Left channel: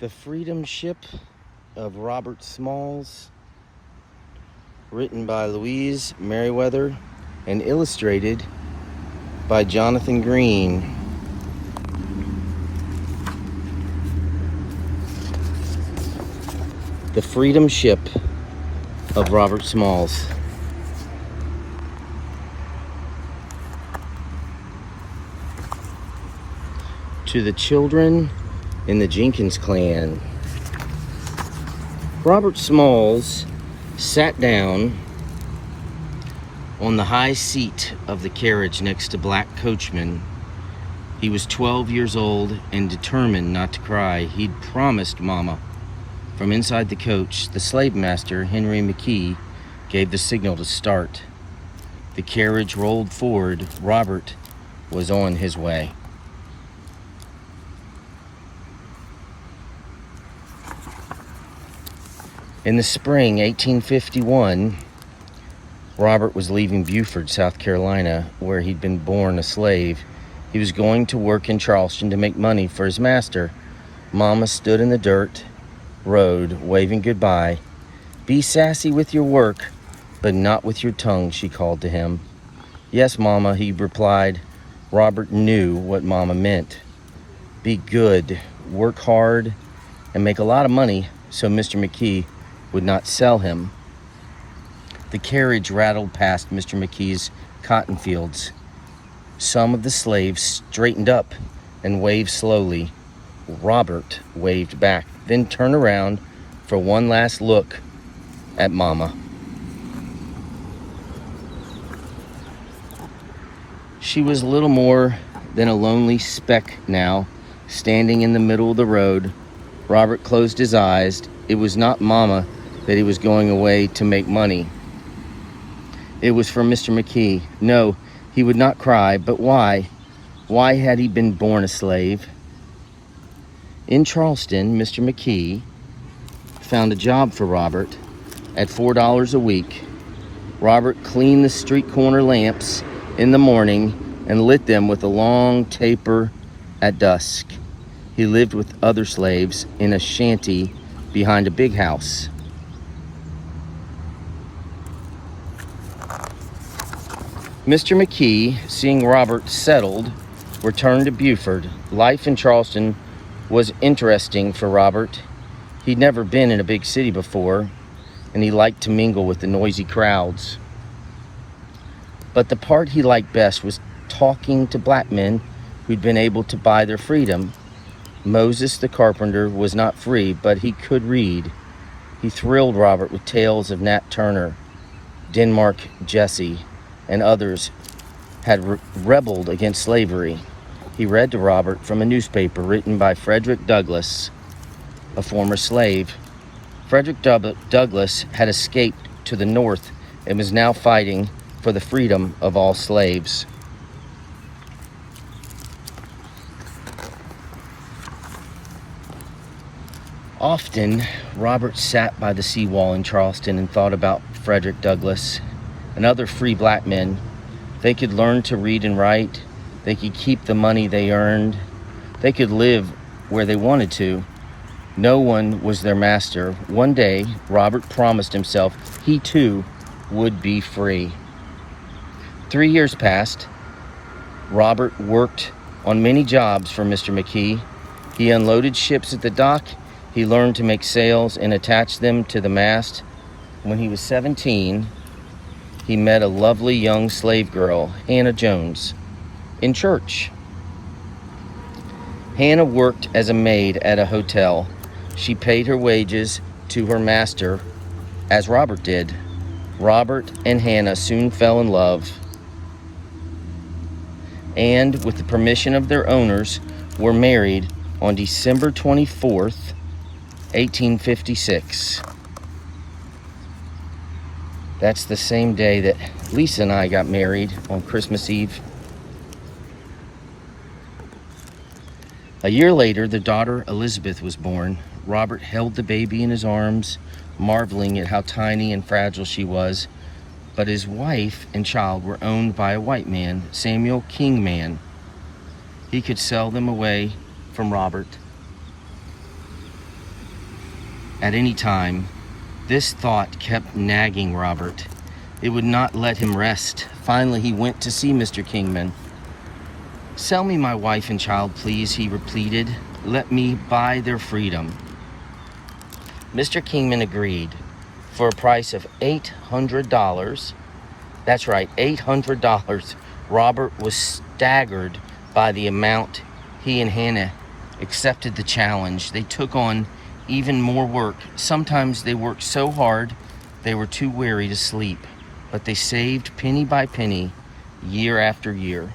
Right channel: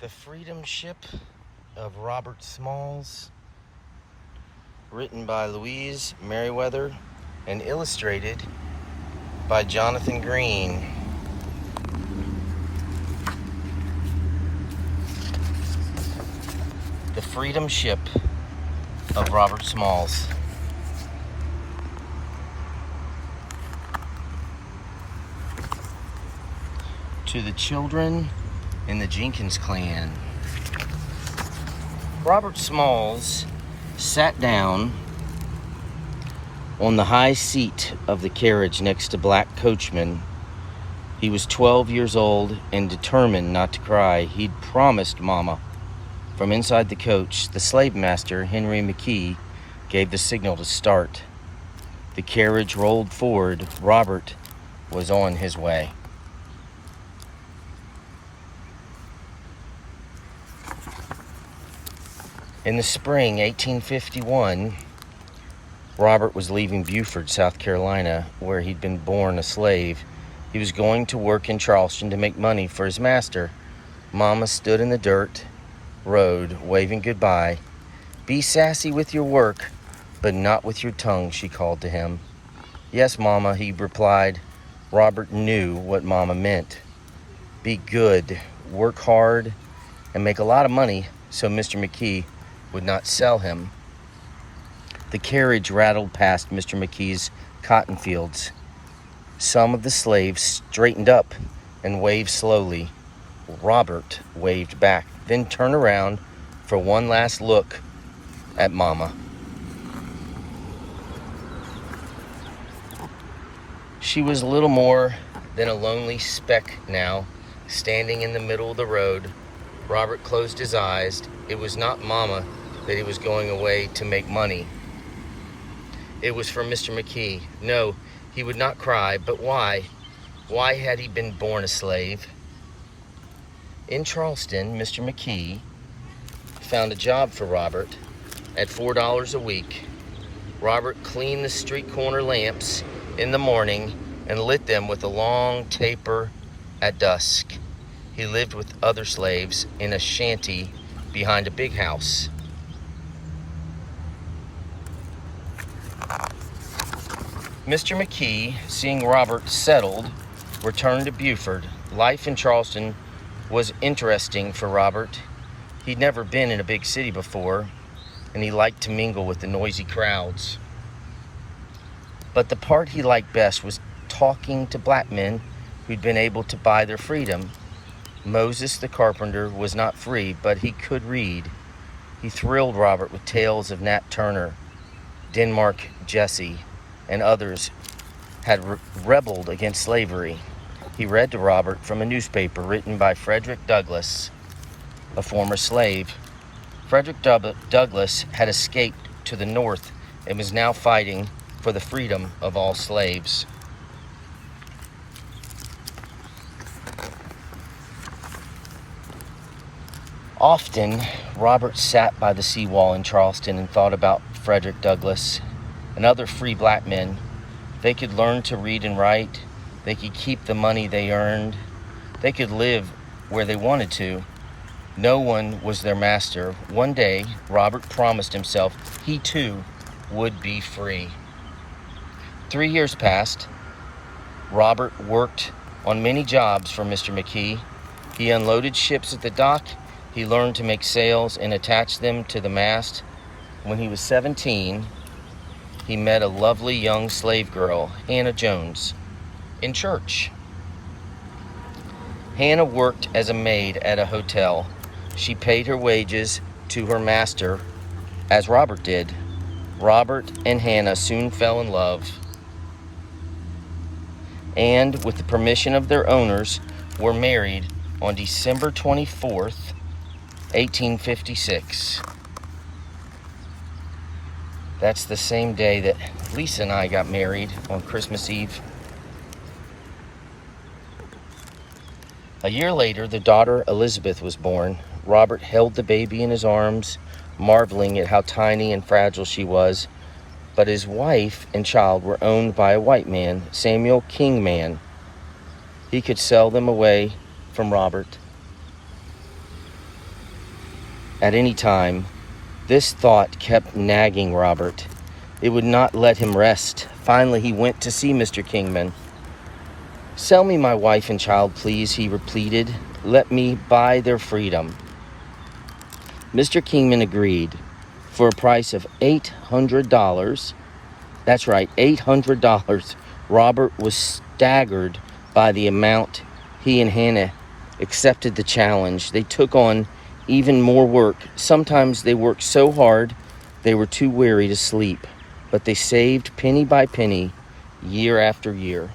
The Freedom Ship of Robert Smalls, written by Louise Meriwether and illustrated by Jonathan Green. The Freedom Ship of Robert Smalls. To the children in the Jenkins clan. Robert Smalls sat down on the high seat of the carriage next to Black Coachman. He was 12 years old and determined not to cry. He'd promised Mama. From inside the coach, the slave master, Henry McKee, gave the signal to start. The carriage rolled forward. Robert was on his way. In the spring 1851, Robert was leaving Beaufort, South Carolina, where he'd been born a slave. He was going to work in Charleston to make money for his master. Mama stood in the dirt road, waving goodbye. "Be sassy with your work, but not with your tongue," she called to him. "Yes, Mama," he replied. Robert knew what Mama meant. Be good, work hard, and make a lot of money so Mr. McKee would not sell him. The carriage rattled past Mr. McKee's cotton fields. Some of the slaves straightened up and waved slowly. Robert waved back, then turned around for one last look at Mama. She was little more than a lonely speck now, standing in the middle of the road. Robert closed his eyes. It was not Mama that he was going away to make money. It was for Mr. McKee. No, he would not cry, but why? Why had he been born a slave? In Charleston, Mr. McKee found a job for Robert at $4 a week. Robert cleaned the street corner lamps in the morning and lit them with a long taper at dusk. He lived with other slaves in a shanty behind a big house. Mr. McKee, seeing Robert settled, returned to Beaufort. Life in Charleston was interesting for Robert. He'd never been in a big city before, and he liked to mingle with the noisy crowds. But the part he liked best was talking to black men who'd been able to buy their freedom. Moses the carpenter was not free, but he could read. He thrilled Robert with tales of Nat Turner, Denmark Jesse, and others had rebelled against slavery. He read to Robert from a newspaper written by Frederick Douglass, a former slave. Frederick Douglass had escaped to the North and was now fighting for the freedom of all slaves. Often, Robert sat by the seawall in Charleston and thought about Frederick Douglass and other free black men. They could learn to read and write. They could keep the money they earned. They could live where they wanted to. No one was their master. One day, Robert promised himself he too would be free. 3 years passed. Robert worked on many jobs for Mr. McKee. He unloaded ships at the dock. He learned to make sails and attach them to the mast. When he was 17, he met a lovely young slave girl, Hannah Jones, in church. Hannah worked as a maid at a hotel. She paid her wages to her master, as Robert did. Robert and Hannah soon fell in love, and with the permission of their owners, were married on December 24th, 1856. That's the same day that Lisa and I got married, on Christmas Eve. A year later, the daughter Elizabeth was born. Robert held the baby in his arms, marveling at how tiny and fragile she was. But his wife and child were owned by a white man, Samuel Kingman. He could sell them away from Robert. at any time. This thought kept nagging Robert. It would not let him rest. Finally, he went to see Mr. Kingman. "Sell me my wife and child, please," he pleaded. "Let me buy their freedom." Mr. Kingman agreed for a price of $800. That's right, $800. Robert was staggered by the amount. He and Hannah accepted the challenge. They took on even more work. Sometimes they worked so hard they were too weary to sleep, but they saved penny by penny, year after year.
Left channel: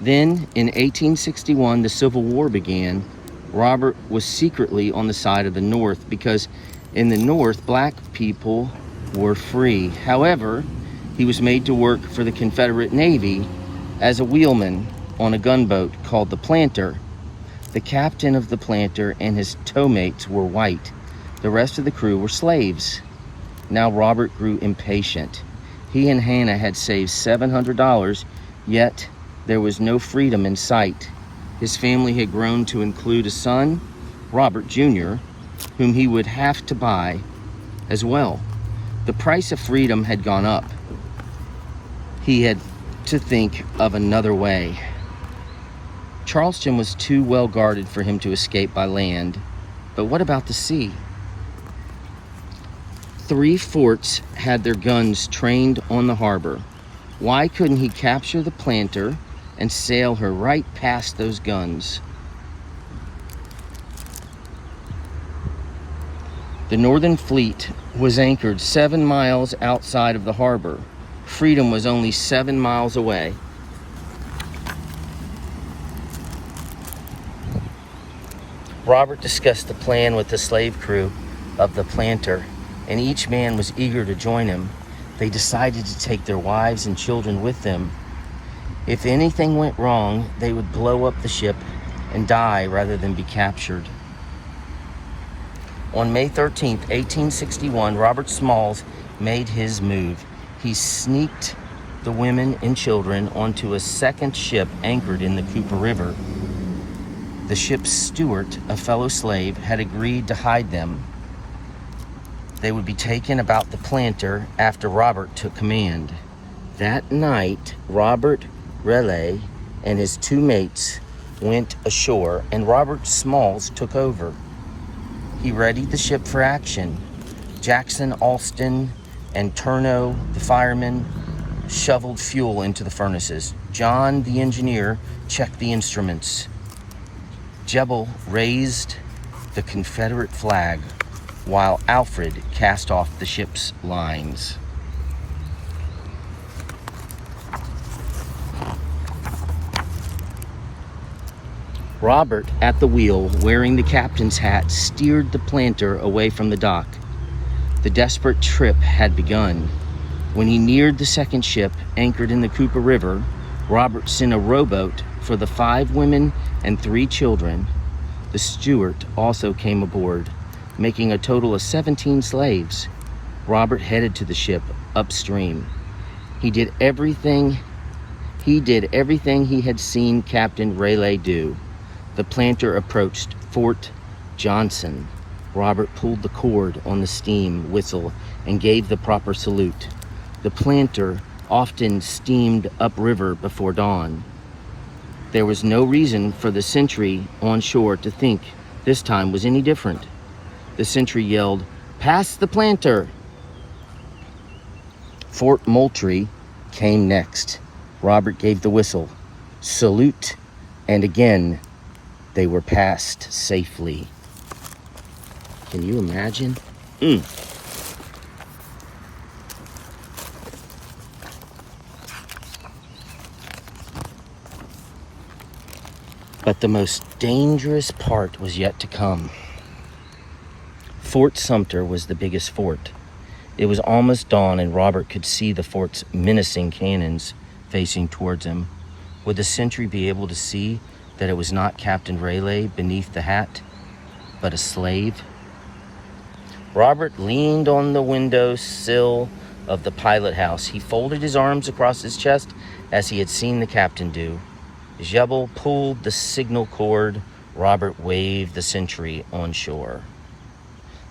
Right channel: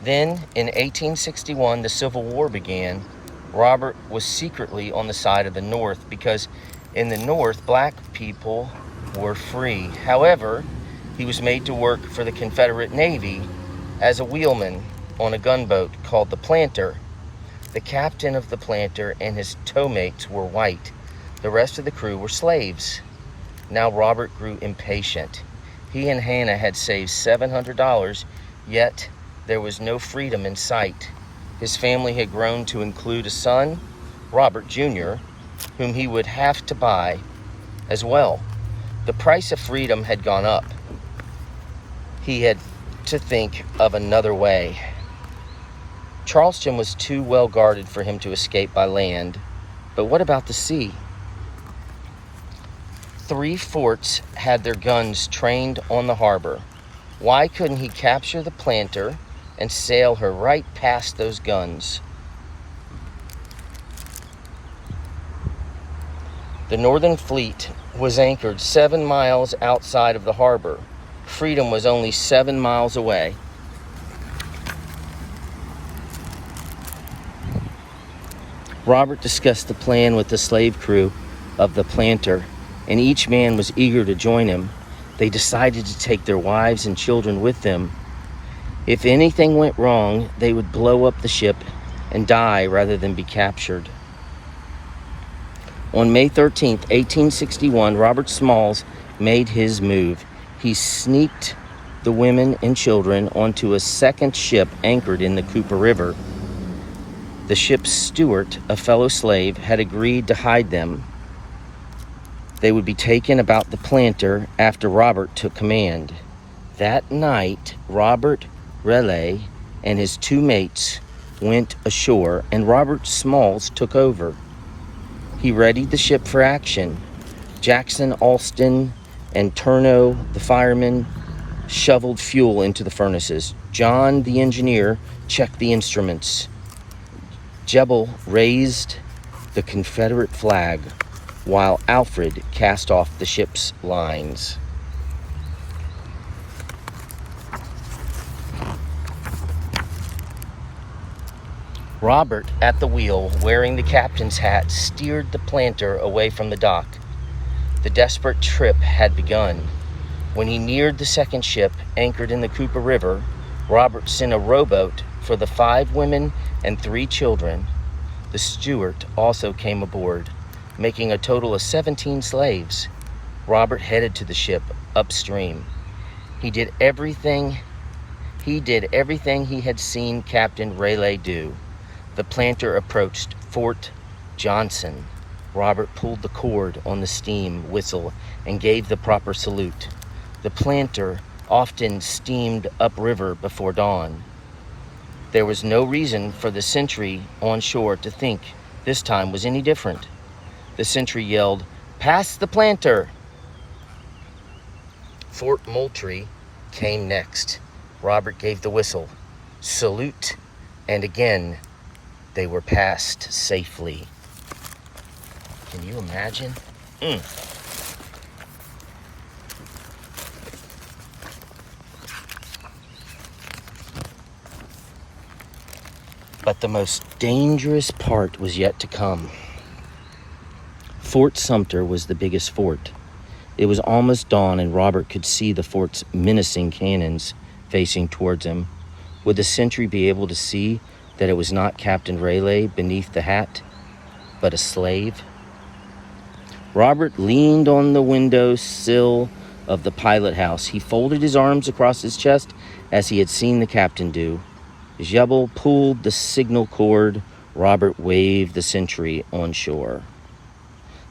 Then, in 1861, the Civil War began. Robert was secretly on the side of the North because in the North, black people were free. However, he was made to work for the Confederate Navy as a wheelman on a gunboat called the Planter. The captain of the Planter and his tow-mates were white. The rest of the crew were slaves. Now Robert grew impatient. He and Hannah had saved $700, yet there was no freedom in sight. His family had grown to include a son, Robert Jr., whom he would have to buy as well. The price of freedom had gone up. He had to think of another way. Charleston was too well guarded for him to escape by land. But what about the sea? 3 forts had their guns trained on the harbor. Why couldn't he capture the Planter and sail her right past those guns? The Northern Fleet was anchored 7 miles outside of the harbor. Freedom was only 7 miles away. Robert discussed the plan with the slave crew of the Planter, and each man was eager to join him. They decided to take their wives and children with them. If anything went wrong, they would blow up the ship and die rather than be captured. On May 13th, 1861, Robert Smalls made his move. He sneaked the women and children onto a second ship anchored in the Cooper River. The ship's steward, a fellow slave, had agreed to hide them. They would be taken about the Planter after Robert took command. That night, Robert Raleigh and his 2 mates went ashore, and Robert Smalls took over. He readied the ship for action. Jackson, Alston, and Turno, the firemen, shoveled fuel into the furnaces. John, the engineer, checked the instruments. Jebel raised the Confederate flag, while Alfred cast off the ship's lines. Robert, at the wheel, wearing the captain's hat, steered the Planter away from the dock. The desperate trip had begun. When he neared the second ship, anchored in the Cooper River, Robert sent a rowboat for the 5 women and 3 children. The steward also came aboard, making a total of 17 slaves. Robert headed to the ship upstream. He did everything he had seen Captain Raleigh do. The Planter approached Fort Johnson. Robert pulled the cord on the steam whistle and gave the proper salute. The Planter often steamed upriver before dawn. There was no reason for the sentry on shore to think this time was any different. The sentry yelled, "Pass the Planter!" Fort Moultrie came next. Robert gave the whistle, salute, and again they were passed safely. Can you imagine? But the most dangerous part was yet to come. Fort Sumter was the biggest fort. It was almost dawn, and Robert could see the fort's menacing cannons facing towards him. Would the sentry be able to see that it was not Captain Raleigh beneath the hat, but a slave? Robert leaned on the window sill of the pilot house. He folded his arms across his chest as he had seen the captain do. As Jebel pulled the signal cord, Robert waved the sentry on shore.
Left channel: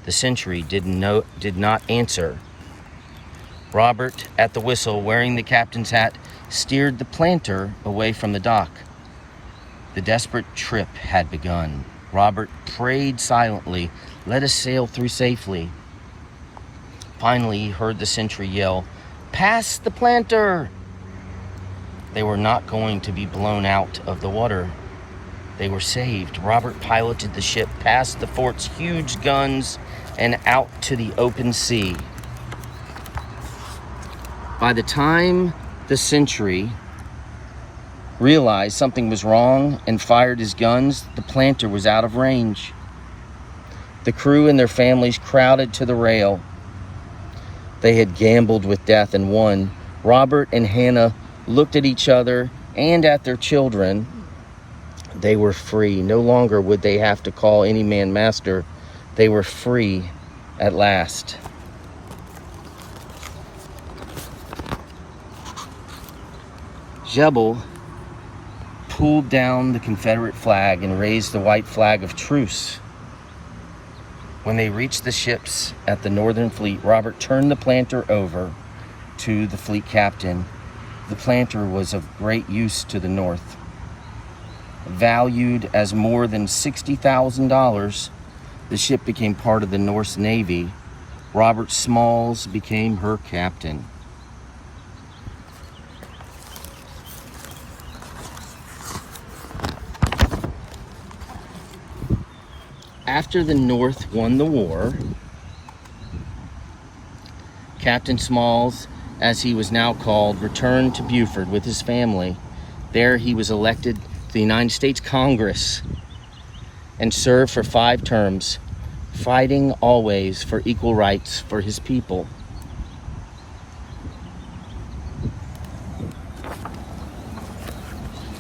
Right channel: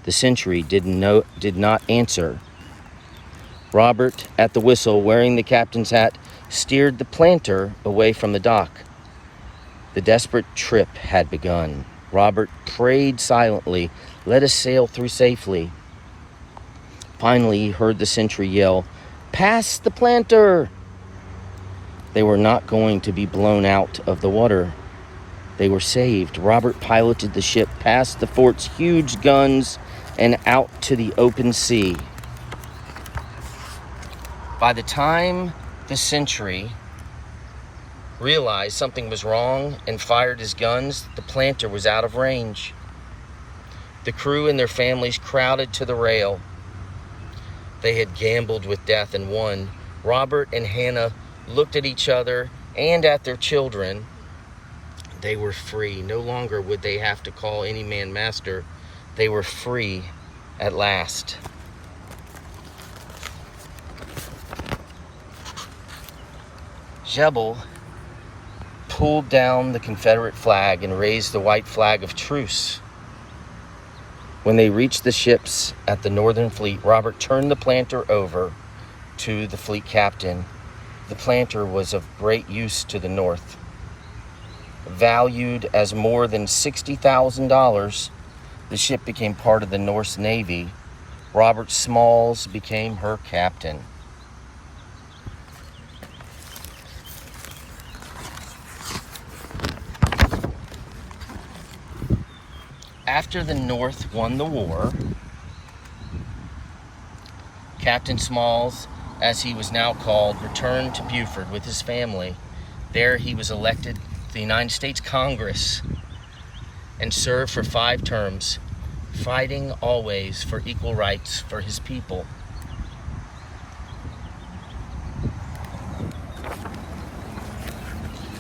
The sentry did not answer. Robert, at the whistle, wearing the captain's hat, steered the planter away from the dock. The desperate trip had begun. Robert prayed silently, "Let us sail through safely." Finally, he heard the sentry yell, "Pass the planter!" They were not going to be blown out of the water. They were saved. Robert piloted the ship past the fort's huge guns and out to the open sea. By the time the sentry realized something was wrong and fired his guns, the planter was out of range. The crew and their families crowded to the rail. They had gambled with death and won. Robert and Hannah looked at each other and at their children. They were free. No longer would they have to call any man master. They were free at last. Jebel pulled down the Confederate flag and raised the white flag of truce. When they reached the ships at the Northern Fleet, Robert turned the planter over to the fleet captain. The planter was of great use to the North. Valued as more than $60,000, the ship became part of the Norse Navy. Robert Smalls became her captain. After the North won the war, Captain Smalls, as he was now called, returned to Beaufort with his family. There he was elected to the United States Congress and served for 5 terms, fighting always for equal rights for his people.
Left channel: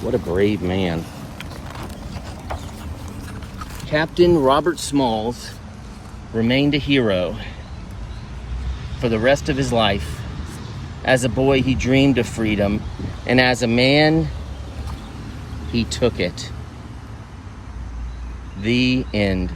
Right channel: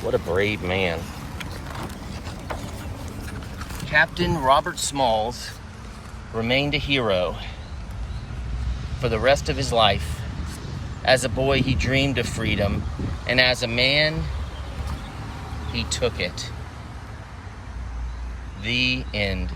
What a brave man. Captain Robert Smalls remained a hero for the rest of his life. As a boy, he dreamed of freedom, and as a man, he took it. The end.